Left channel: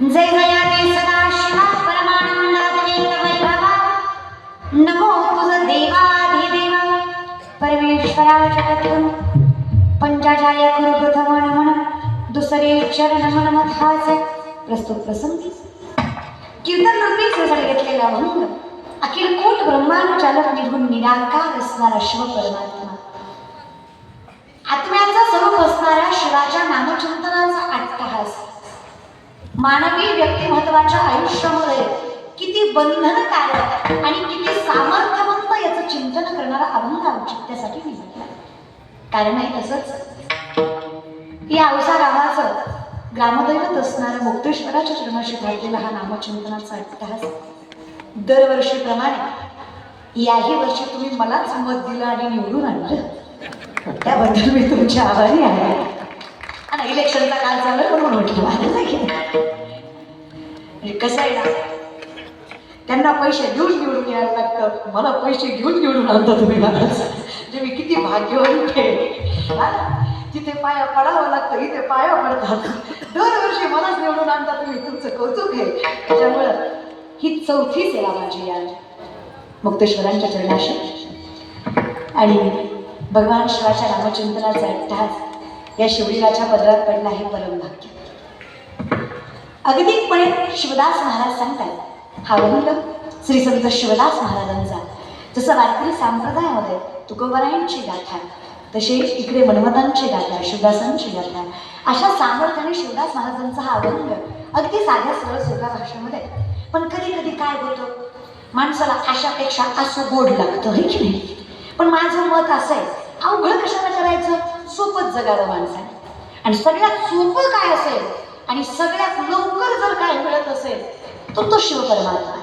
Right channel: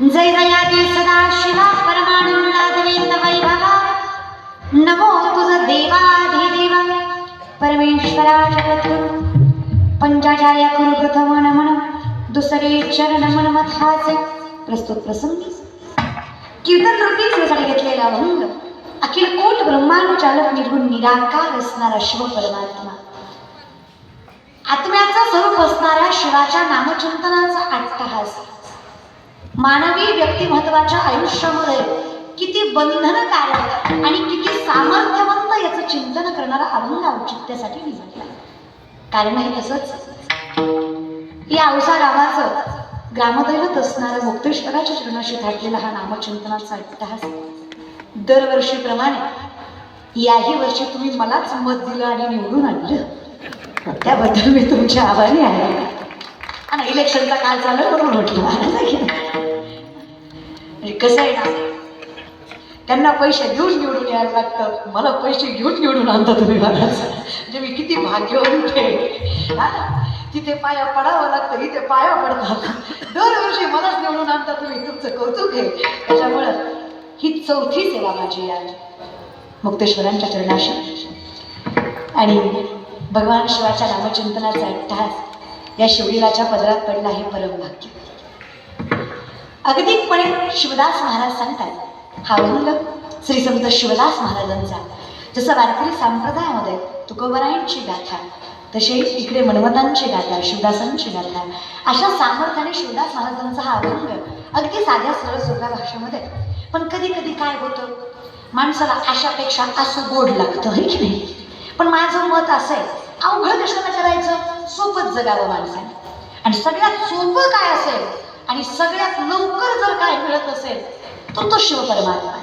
जय जयाते सदा शिवा परमानंदाद्वैत वैभवा नमो तुझ देवाधिदेव परमेश्वरा चरण पंचाचार्य गुरु प्रथम नमन दुसरे चरण मन मथाचे प्रस्तुत प्रसंग कीर्तन रूपी सोसायटी घेतलेला भंग अखिल कोट ब्रह्मांड चालक निर्गुण निराकार असणारा शिव परमात्मा आत्म्याचा स्वरूप असणाऱ्या शिवाच्या नामचिंतनाचा अट्टहास मानवी व्यक्तिमत्वाच्या आयुष्यामध्ये किती बंधनकारक आणि किती सामर्थ्यवंत याचं चिंतन करणारा अभंग औचित्यासाठी निवडला. कारण आहे तसंच या अवसार आवाज ग्रामदैवत असणारा मुक्तेश्वराच्या चरणाशी थाटलेला हा नामचिंतनाचा अट्टहास दरवर्षीप्रमाणे याही वर्षी तुम्ही मलाच मत दिलं आणि निवडून आणलं त्याबद्दल मी तुमच्या आभारी आहे. आणि इलेक्शनचा काळ चालू म्हणून म्हटलं कसं आहे ना, त्यांना पैसे घेऊन निवडून यायला लागतं, मला पैसे घेऊन निवडून आणता तुम्ही मला. म्हणजे मी किती भाग्यवंत आहे. तिथे पाया पडावं लागतं, इथे पाया पडतात. दरवर्षी मलाच निवडून आणता तुम्ही, तुमचं कौतुक आहे. त्याच्यामुळं ही चौथी सेवा माझी या मुक्तेश्वरांच्या चरणाशी आणि भगवान शिवाच्या नामचिंतनाचा अट्टहास या शिवलीलाच्या पदरात पडला हे परमभाग्य. अगतिकपणे शिवदास महाराज सांगतात हा अभंग श्री संत शिवदास महाराजांचा. जसं वारकरी संप्रदायामध्ये तुकोबरायांची गाथा तसे इकडे मनमतांची गाथा शिवदासांची गाथा अशा सामर्थ्याने शिवदास महाराजांचा हा अभंग अगदी साध्या सरळ सोप्या भाषेमध्ये. पण कधी कधी काय होतं, माणसाला अशापेक्षा असं गोड लागतं हे की नाही. पण माझं मत असं आहे, अवघड कशाला करायचं, सोपंच जगावं माणसाने. आणि सगळ्यात सोपं काय असेल आणि सगळ्यात लवकर जर काय मिळत असेल तो शिव परमात्मा आहे.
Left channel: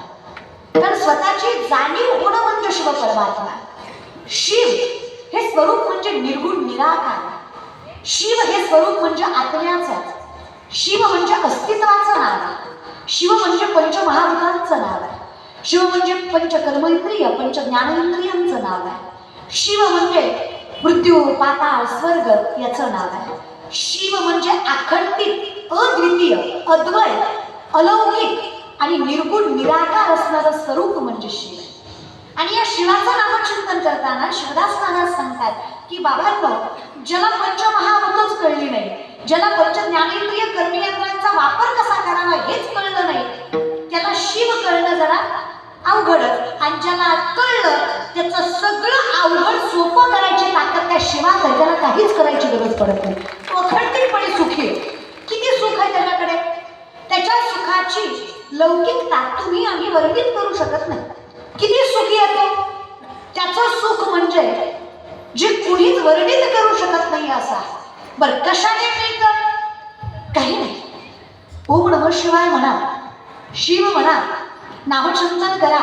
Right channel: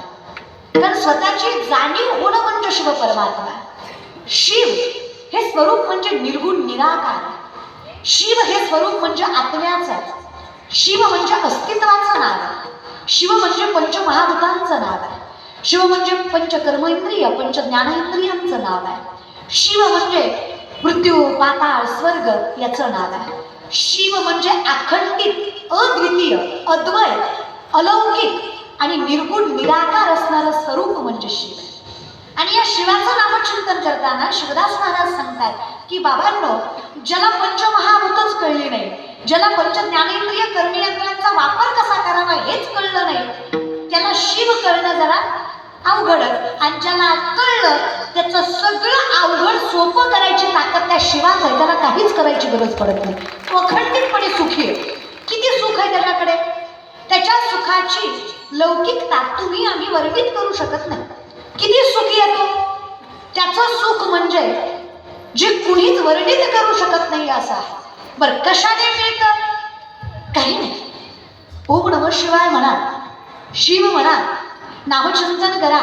कारण स्वतःची जाणीव होणं म्हणजे शिव परमात्मा. शिव हे स्वरूप म्हणजे निर्गुण निराकार. शिव हे स्वरूप म्हणजे आत्म्याचं. शिव म्हणजे अस्तित्वाचं नाव आहे. शिव म्हणजे पंचमहाभूतांचं नाव आहे. शिव म्हणजे पंचकर्मेंद्रिय पंचज्ञानेंद्रियांचं नाव आहे. शिव म्हणजे मृत्यू पाताळ स्वर्ग याचं नाव आहे. शिव म्हणजे अखंडित अद्वितीय अद्वय अलौकिक आणि निर्गुण निराकार असणारं स्वरूप म्हणजे शिव. आणि या शिवाचं नामचिंतन करताना शिवदास महाराज सांगतात की बाबांनो, ज्याला पंचमहाभूतच कळली नाही, ज्याला पंचज्ञानेंद्रिय कर्मेंद्रियांचा वापर कसा करावा हेच कळलं नाही, त्याला शिव कळणं जरा अवघडच. आणि ज्याला कळलं त्याचं सगळं अवघड सोपं करायची ताकद त्या शिवात आहे. त्याला काहीच करायची गरज पडत नाही. तो अखंडितपणे सुखी आहे. किती सुख आहे त्याच्याकडे, त्याच्या सुखाची लौकिकता तुम्ही आम्ही वर्णित करू शकत नाही. किती सुखी आहे तो, त्याचं सुख म्हणजे जे कुणीच वर्णित करू शकत नाही असं आहे. बरं कशाने मिळतं, काही नाही. ओम नमः शिवाय म्हणा, शिव म्हणा, नामचिंतन करा,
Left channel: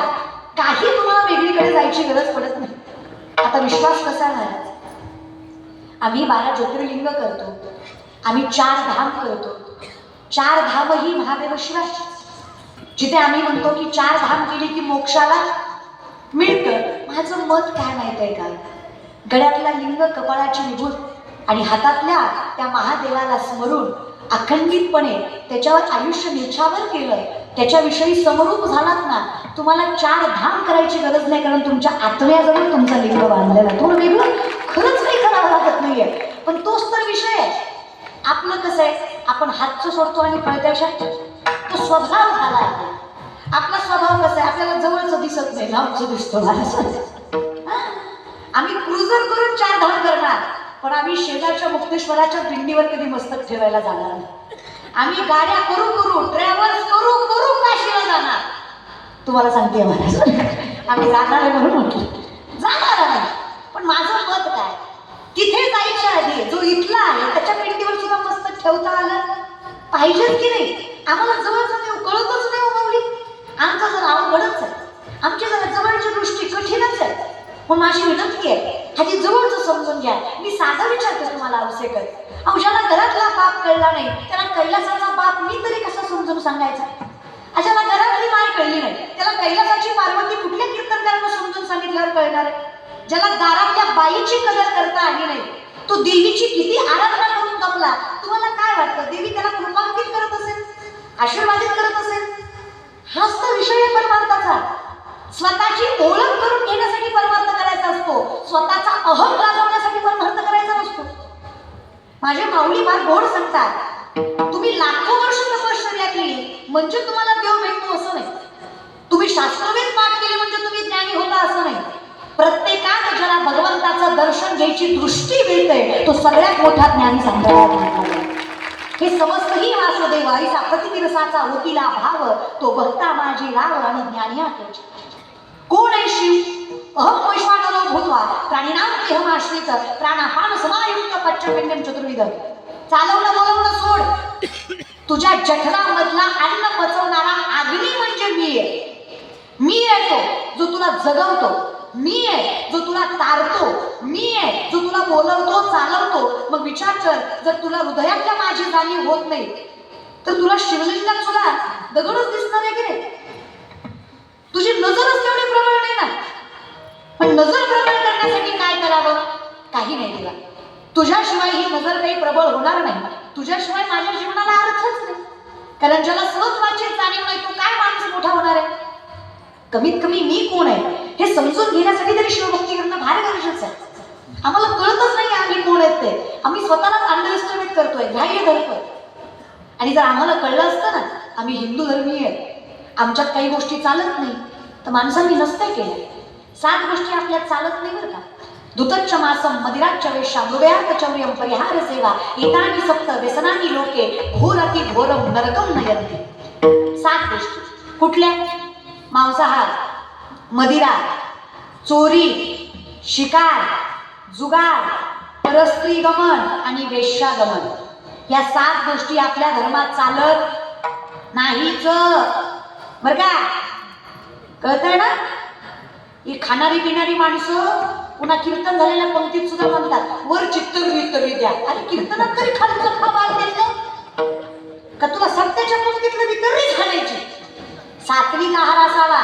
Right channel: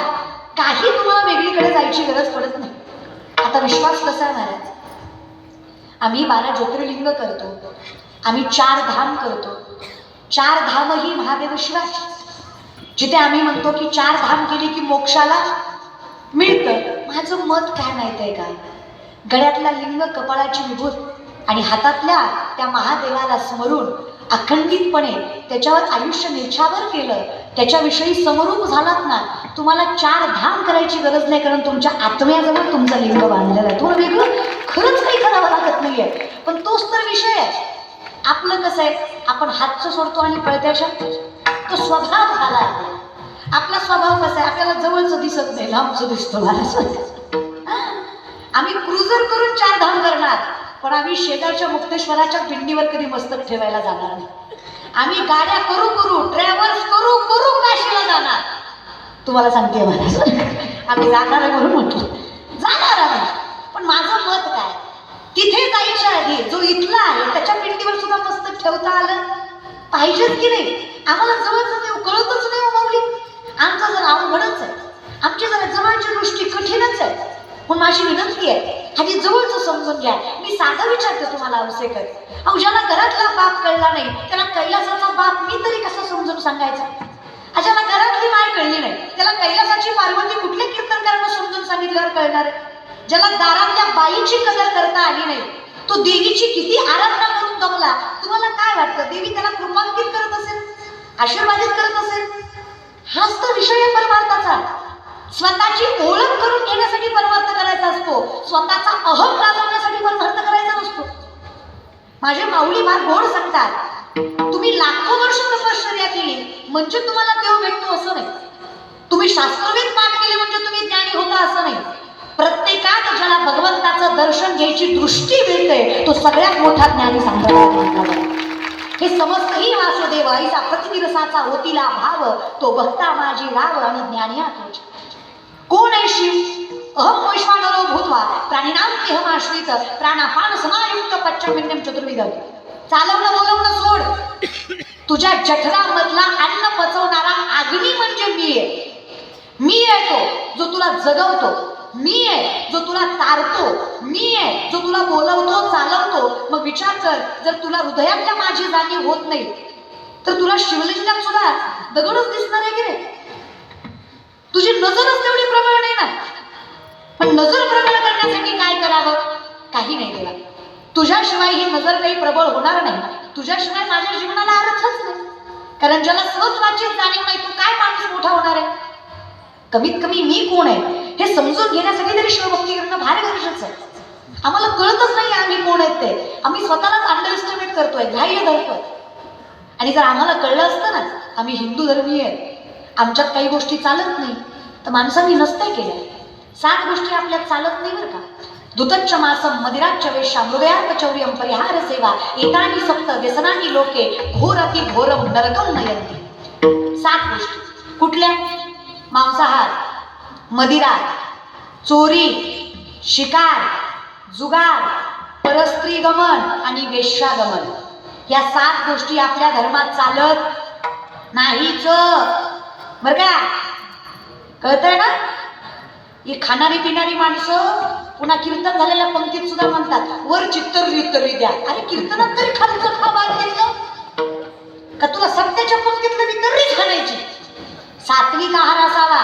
काही तुम्हाला वेगळीकडे जायची गरज पडत नाही. आता विश्वास कसा महाराज, आम्ही 12 ज्योतिर्लिंग करतो, आम्ही 4 धाम करतो. 4 धाम ही महादेव शिवाची. जिथे आम्ही म्हणतो की 4 धाम केली की मोक्षाला मिळतं. माझं मत काय माहित आहे का, गळ्यातला लिंग कपाळाची विभूत आणि हातातल्या त्या महादेवाला स्मरून अखंडितपणे त्याच्यावर आयुष्य निछावर केलं, त्याच्याविषयी समरूप झालात ना, तुम्हाला 4 धाम करायची गरज नाही. कारण तुमच्या आत्म्याजवळ तुमचा लिंग बांधलेला आहे. तुम्हाला वेगळं खरंच काही करावं लागत नाहीये. पण तोच तर विषय आहे. आपलं कसं आहे, आपण हातचं सोडतो आणि पळत्याशा तो स्वभाव झाला. आपला स्वभाव कसा आहे, आपल्याला जवळचं दिसत नाही, लांबचं दिसतो. आम्ही क्रुझर करून 4 धाम करणार, पण आम्ही शेजारच्या मुक्तेश्वराच्या पिंडीवर कधी मस्तक ठेवायला जाणार नाही. आम्ही गाड्या करू करू ट्रॅव्हल्स करू करू काशीला जाणार. तुम्हाला सांगते महाराज, आम्ही जाणार आहे म्हणून म्हटलं जाणार आहे. पण माझं मत काय, तिथे जायच्या आधी जो इथला आहे त्याच्या पिंडीवर सुद्धा मस्तक ठेवता आलं पाहिजेच की नाही. आम्हाला जवळचं देव कळतच नाही माऊली. आमचं जर अवघडच आहे, आमच्या जरा जवळच्या गोष्टी कठीणच आहे. मग माझी विनंती आहे, आधी जवळचं समजून घ्या. मी साधा विचारते तुम्हाला अवसेकर, अहो ज्याला घरातला बाप कळला नाही त्याला कैलासाचा बाप मी तरी कसं समजून सांगायचा. ज्याला घरातली माय कळली नाही त्याला कैलासाची पार्वती कुठल्या कीर्तनकारांना समजून सांगितल्यावर कळणार. ज्याला दारातल्या बाईची कदर करता आली नाही, तो देवीची किती आराधना करून दमला. तुम्हाला काय वाटतं, देवी त्याला कृपांकित करत असेल? आशीर्वादित करत असेल, हाच तर विषय आहे परमार्थाचा. स्वतःची ओळख करून घेण्यासाठी परमार्थ करायचा असतो, स्वतःचा अहम वाजवण्यासाठी परमार्थ करायचा नसतो. माझे माऊली फार गोड सांगतात, तुम्ही लाखो वर्ष तपश्चर्या केली म्हणजे तुम्हाला देव भेटतो असं नाही. तुम्ही शास्त्रवेद पाठ केले म्हणजे तुम्ही ज्ञानी होता असं नाही. प्रत्येकात ज्याला भगवंताचं दर्शन घ्यायची दृष्टी मिळते तो सगळ्यात मोठा ज्ञानी सांगतात. हे समजतही वासुदेव आईचा प्रतिरसाचा होतीला भाव, तो भक्ता माझी राव आणि ज्ञानी आठवचे. कोण आहे शिव? अहम वैश्वानरो भूत्वा प्राणिनां देहमाश्रित प्राणापान समायुक्त पच्चपिंडम चतुर्विध. चालवणं बोलवणं सोड, तुझ्या जठरामधला अन्न पचवणारा अग्नी म्हणजे मी आहे. मी आहे तो जो तुला जगवतो, मी आहे जो तुला तारतो, मी आहे जो तुला बोलवतो चालवतो. मग विचार कर, जर तुला हृदयातल्या माझी जाणीव होत नाही तर तुला शिवलिंगात सुद्धा दगडच दिसणार आहे की नाही? तुझी नजरच तेवढी प्रबळ नाही ना. पण नजर प्रबळ करण्यासाठी काय करावं? काही नाही केलं. तुझ्याशिवाय ही नजर काही प्रबळ होणार नाही. तुझ्याशिवाय माझ्या जीवनाला अर्थच नाही. कारण ज्याला स्वत्वाची जाणीव नाही तो काय माणूस मोठा होणार आहे? कमीत कमी मी कोण आहे हे समजून घेण्यासाठी तरी शिवभक्ती करणं भारी गरजेचं आहे. आम्हाला कळतच नाही आम्ही कोण आहेत ते. आम्ही स्वतःलाच अंडर एस्टिमेट करतोय, ग्राह्य धरतोय. आणि जर आम्हाला कळलं असतं ना आम्ही हिंदू धर्मीय आहे, आमच्यात काही गोष्टी चालत नाही, तर माणसांनी नसते केले. 7 गोष्टी आपल्यात चालत नाही बरं का. दुतच्च मासम मदिराच्च वेश्या मृदयात चौर्यम परिहार सेवा एतानि सप्त व्यसनानि लोके घोरति घोरम नरकम नयन्ति. 7 गोष्टी कुठल्या? मांसाहार, मदिरा, चोरी, शिकार, जुगार, परस्त्री गमन आणि वेश्यागमन. या 7 गोष्टी आपल्या धर्मात चालत नाहीच बरं का. कळतंय ना? ही खाणारी पिणारी माणसं पुन्हा कीर्तन झालेल्या पंक्तीत सुद्धा म्हणतात वर चित्तरुई द्या. अरे कीर्तनात तरी खाण्याचं खा मार द्यायचं का? तुला सत्याच्या पंक्तीतलं मी तरी खाण्याची. सात्विक आहार असावा,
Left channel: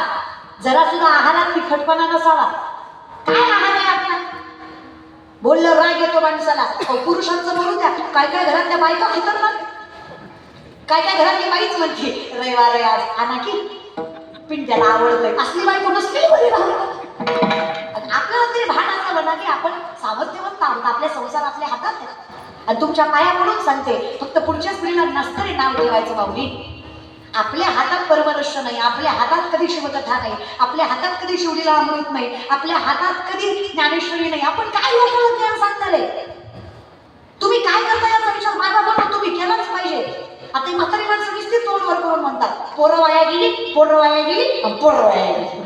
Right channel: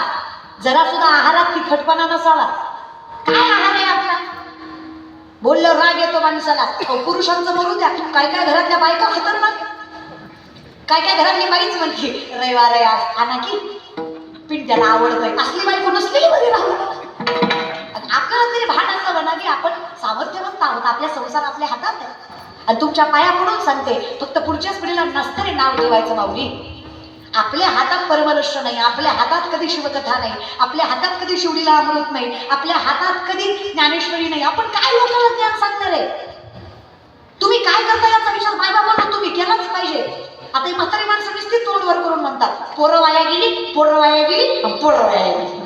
जरा सुद्धा आहारात तिखटपणा नसावा. काय आहार आहे आपला? बोललं राग येतो माणसाला. पुरुषांचं बोलू द्या, काय काय घरातल्या बायका खातात ना, काय काय घरातली बाईच म्हणते रविवार आहे आज आणा की पिंट्याला आवडतंय. असली बायको नसलेली बरी राहू. आपल्याला तरी भान असतं ना की आपण सामर्थ्यवंत आहोत, आपल्या संसार आपल्या हातात आहे. आणि तुमच्या पाया पडून सांगते, फक्त पुढच्याच पिढीला नसतं नाव ठेवायचं माऊली. आपल्या हातात परमरश्य नाही, आपल्या हातात कधी शिवकथा नाही, आपल्या हातात कधी शिवलीला अमृत नाही, आपल्या हातात कधी ज्ञानेश्वरी नाही. आपण काय लोकांना ज्ञान सांगणार आहे? तुम्ही काय करता याचा विचार माझ्या बाबा तुम्ही केलाच पाहिजे. आता ही म्हातारी माणसं नुसती तोंडवर करून म्हणतात पोरं वाया गेली, पोरं वाया गेली, पोरं वाया गेली.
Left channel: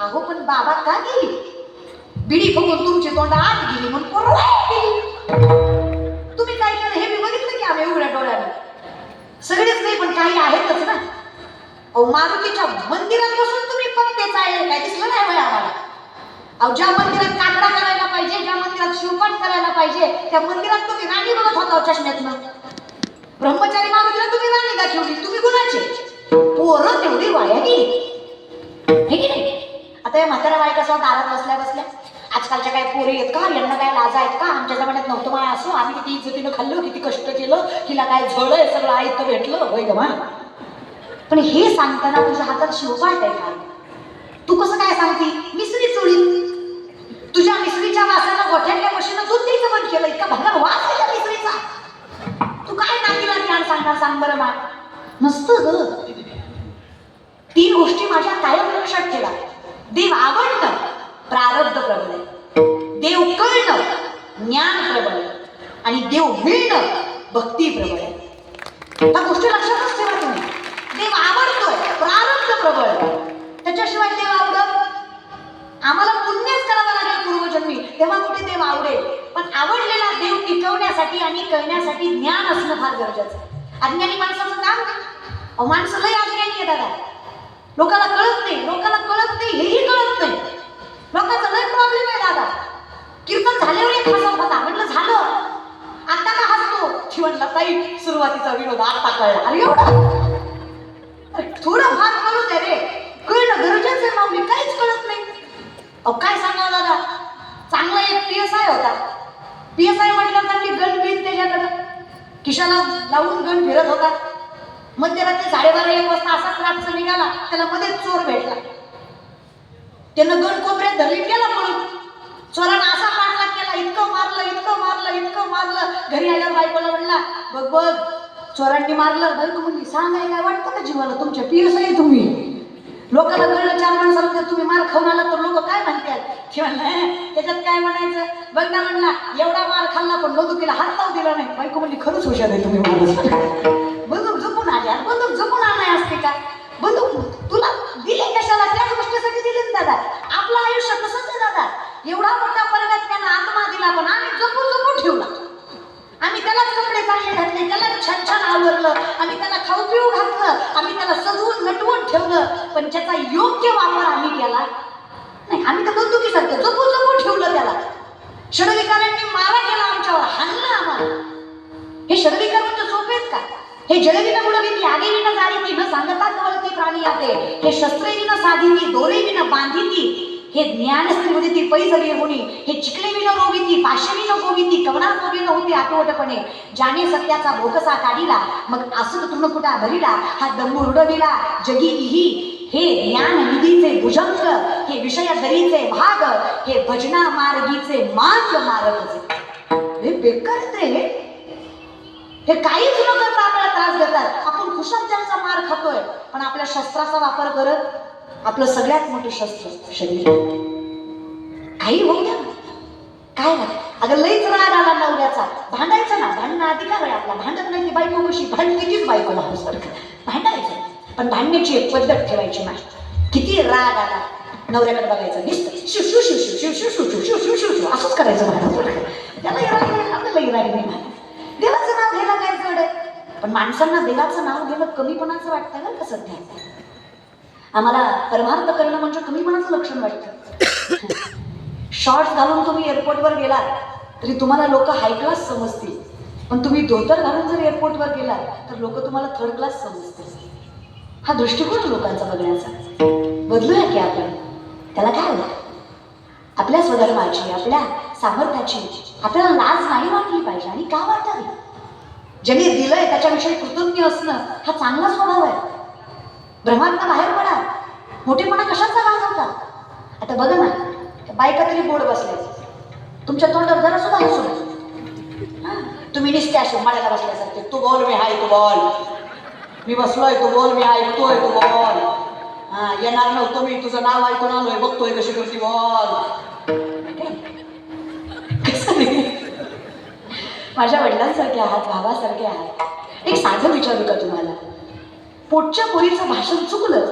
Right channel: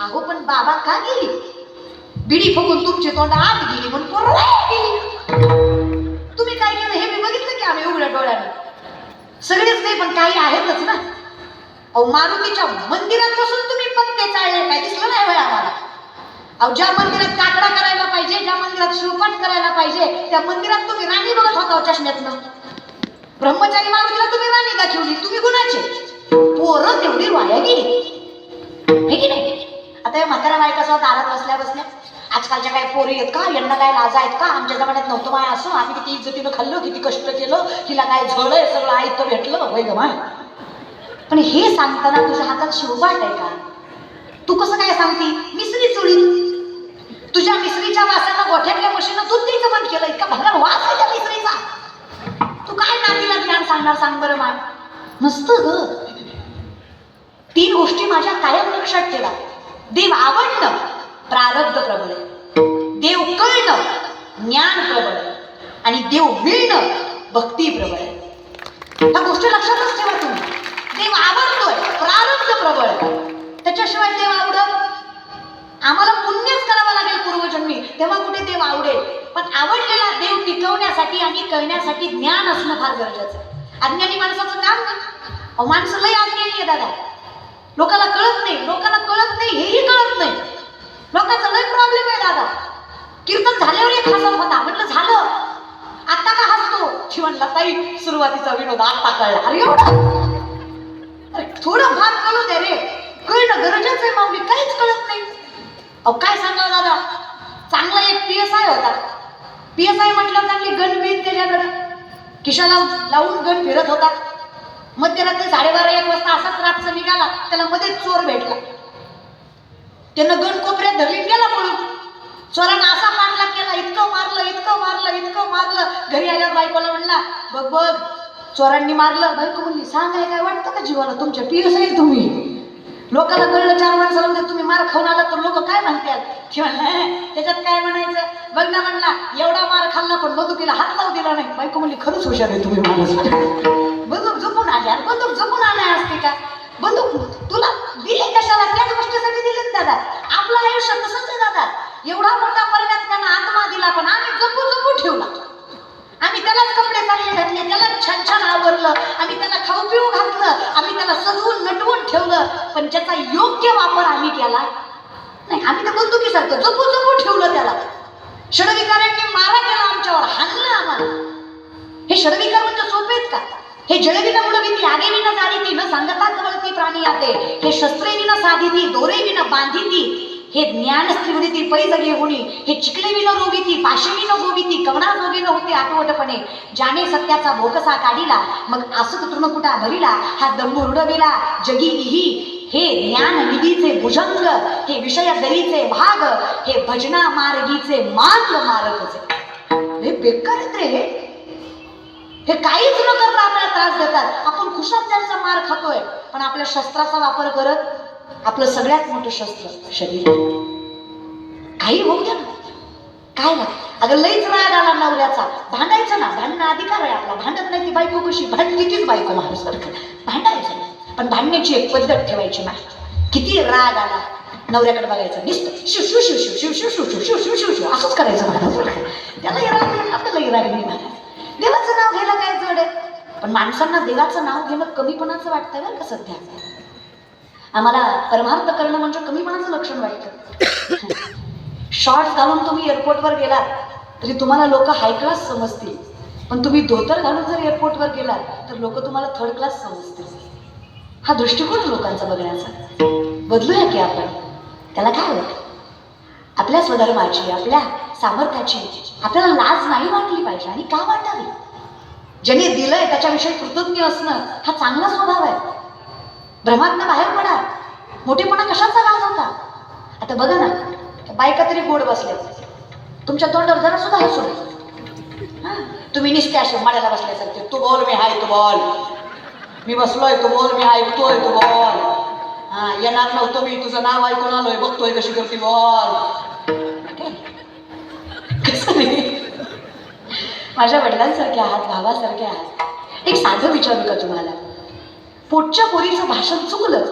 अहो पण बाबा का गेली? बिडी फुकून तुमची तोंड आत गेली म्हणून पोरं वाया गेली. तुम्ही काय केलं हे मी बघितलं की आम्ही उघड्या डोळ्यानं. सगळेच नाही पण काही आहेतच ना. अहो मारुतीच्या मंदिरात बसून तुम्ही पत्ते चाळले काय दिसलं नाही बरं आम्हाला. अहो ज्या मंदिरात काकडा करायला पाहिजे, ज्या मंदिरात शिवपाठ करायला पाहिजे त्या मंदिरात तुम्ही राणी बघत होता चष्म्यातनं. ब्रह्मचारी मारुतीला तुम्ही राणी का ठेवली? तुम्ही गुणाचे. पोरं तेवढी वाया गेली हे की नाही? आता या म्हातारा बायका स्वतः दारात बसल्या बसल्या आजकालच्या काही पोरी आहेत का, यांना काय लाजा आहेत का? आमच्या जमान्यात नव्हतं माय असं, आम्ही किती इज्जतीनं खाल्लो, किती कष्ट केलं, हिला काय झोळं सगळं आयतं भेटलं होय ग माय. पण हे सांगताना तुझ्या हातात शिवपाठ आहे का? तू कसं काय सांगती मिसरी चोळी? तुझ्या मिसरीच्या वासानं गोठ्यातल्या मशीनं दूध द्यायचं बंद केलं. इतका भला वास आहे त्या मिसरीचा. तू काय नातीला ज्ञान सांगणार सांग बरं माय? नसतं ग. 3 गोष्टी माझ्या कायम लक्षात ठेवा. देव आवडणं प्रारब्ध प्रबळ आहे, देव कळणं ज्ञान प्रबळ आहे, आणि देव मिळणं भक्ती प्रबळ आहे. त्या गोष्टी लक्षातच ठेवा तुम्ही. देव आवडतोय प्रारब्ध प्रबळ आहे, त्याच्याशिवाय देव आवडत. आम्हाला पुण्यच करावं लागेल पूर्वजन्मी तेव्हा कुठे देव आवडेल. पण आवडलेला देव टिकवण्यासाठी आणि कळण्यासाठी ज्ञान असणं फार गरजेचं आहे. अज्ञानी माणसाचं काम का? माणसं लय अज्ञानी आहे दादा. लोकांना कळत नाही, लोकांना कळत नाही हेही कळत नाही. लोकांचा लय प्रॉब्लेम आहे दादा. कीर्तन झाल्यावर एक हसत होता, म्हटलं झालं आता का हसतो? ती म्हणला ताई सुरुवातीचा विनोद आता कळला. अरे एवढं थोडं भाग कळू दे रे. कळणं गरजेचं आहे माऊली. काहीच कळत नाही. अहो काय सांगावं दादा. चांगला एक PSI होता. PSI म्हटलं चांगली गण बीत त्याच्याकडे खिशाला लावून गण फिरत होता. मध्यरात्री 12:30-1 वाजता असाच रातचा निघाला, त्याला मध्ये चोर भेटला. त्यानं 2 कोपऱ्यात धरली, गेला म्हणून. चोरानं असा मारला केला, इतकं मारलं इतकं मारलं इतकं मारलं. घरी आल्यावर बायकोला म्हणला, बघ बघ चोरांनी मारलं. बरं तू म्हणली, सांगाय काय वाटतं का जीवाला तुमच्या? पियस आहे तुम्ही. लोकांना कळलं 4 माणसाला तर तुम्ही मार खाऊन आला तर लोक काय म्हणतात? ते म्हणलं त्याच्यात काय म्हणायचं? बघ ना म्हणला, एवढा मार खाल्ला पण बंदुकीला हात लावू दिला नाही. बायको म्हणली, खरंच हुशार आहे तुम्ही. बंदूक झोपून आल्या, बंदूक झोपून आलाय असते का? बंदूक तुला दिली कशाला? त्याच गोष्टीसाठी दिली ना दादा. आपलं आयुष्य तसंच आहे दादा. एवढा मोठा पर्वत त्यानं आत्मा दिला, पण आम्ही जपून ठेवला. आम्ही त्यालाच कपडे चांगले घातले, त्याला छान छान आवरलं, आम्ही त्याला खाऊ पिऊ घातलं, आम्ही त्याला सजवून नटवून ठेवलं, पण ज्याचा योग्य वापर आम्ही केला नाही. आम्ही तर बंदुकीसारखं जपून ठेवलं त्याला. षडविकारांनी मारा केला आमच्यावर, हाणला आम्हाला. हे षडविकार म्हणजे सोपे आहेत का? हे जळविना भीती, आगे विना जाळीती, न सांगता कवळती प्राणी आते. हे शस्त्रे विना साधिती, दोरे विना बांधिती. हे ज्ञान स्त्रीवृत्ती पैजरी होणी. हे चिकले विना रोविती, पाशी विना गोविती, कवणा जोगी होते आठवटपणे. ज्याने सत्याचा भोकसा काढिला, मग असं तृणकुटा भरिला. हा दंभू उडविला जगी इही. हे ज्ञान निधीचे भुजंग, हे विषय दरीचे भाग, हे भजना मार्गीचे मार्ग मार्गचे. हे बेकार आहेत रे. हे काहीच न करता आपल्याला त्रास देतात. आपण कुशात त्यांचा मार खातोय, पण आपल्या शस्त्राचा वापर करत आपलं सगळ्यात मोठं शस्त्र शरीर. काही होऊ द्या ना, काय ना. अगं लईच राग आला नवऱ्याचा, भांडायचं ना. भांडणं अधिकार आहे आपला. भांडत नाही ती बायको कशी भांडली, तीच बायको माणसारखं भांडायचं. पण भांडण्याची एक पद्धत ठेवायची नाही. किती राग आला नवऱ्याकडे बघायचं, नुसतं शिव शिव शिव शिव शिव शिव शिव शिव शिव शिव शिव शिव असंच करायचं. त्याला राग नाही, आपल्यालाही राग नाही. देवाचं नाव घेणं काय जड आहे, पण माणसांना देवाचं नाव घेणं कमीपणाचं वाटतं बरं का सध्या. आम्हाला परमार्थ करणं म्हणजे कमीपणाचं लक्षण वाटतं. शॉर्ट्स घालून तुम्ही एअरपोर्टवर गेलात तरी तुम्हाला लोक हाय क्लास समजतील, पण तुम्ही धोतर घालून जर एअरपोर्टवर गेलात तर लोक तुम्हाला थर्ड क्लास समजतील. हा दृष्टिकोन लोकांचा बघण्याचा. बदलूया की आपण. त्याला काय होतं? आपल्या स्वधर्माची, आपल्या सामर्थ्याची आपल्याला लाज नाही वाटली पाहिजे. आणि का वाटावी? ज्याने दिलंय त्याच्याविषयी कृतज्ञ असणं हा चांगला स्वभाव आहे. ब्रह्मांना बाहेर पडा. मोठेपणा कशाचा लाज होता? आता बघा ना, बायका तरी गोड बसल्या, तुमच्या तोंडावर जरा सुद्धा हसू नये. तुम्ही निसते असे मळ्याला बसल्यासारखे. तू बोल मी हाय, तू बोल. मी बसलोय, तू बोल मी ऐकतोय, तू बोल. येणार नव्हतं मी, तुझं नाव ऐकून आलोय, बघतोय कशी करते, बोल. कसं माझ्या वडिलांसारखे आहात, भावासारखे आहात. एक साधं विचारू का तुम्हाला? पोटच्या पोरीचं भाषण चुकलं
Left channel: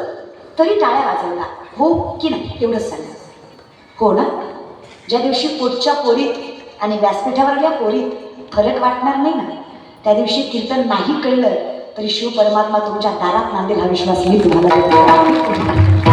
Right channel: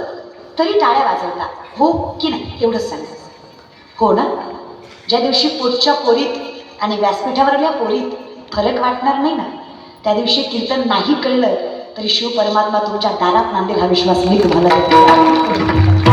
तरी टाळ्या वाजवला, हो की नाही? एवढंच सांगा. हो ना? ज्या दिवशी पोटच्या पोरीत आणि व्यासपीठावरल्या पोरीत फरक वाटणार नाही ना, त्या दिवशी कीर्तन नाही कळलं तरी शिव परमात्मा तुमच्या दारात नांदेल हा विश्वास मी तुम्हाला देतो.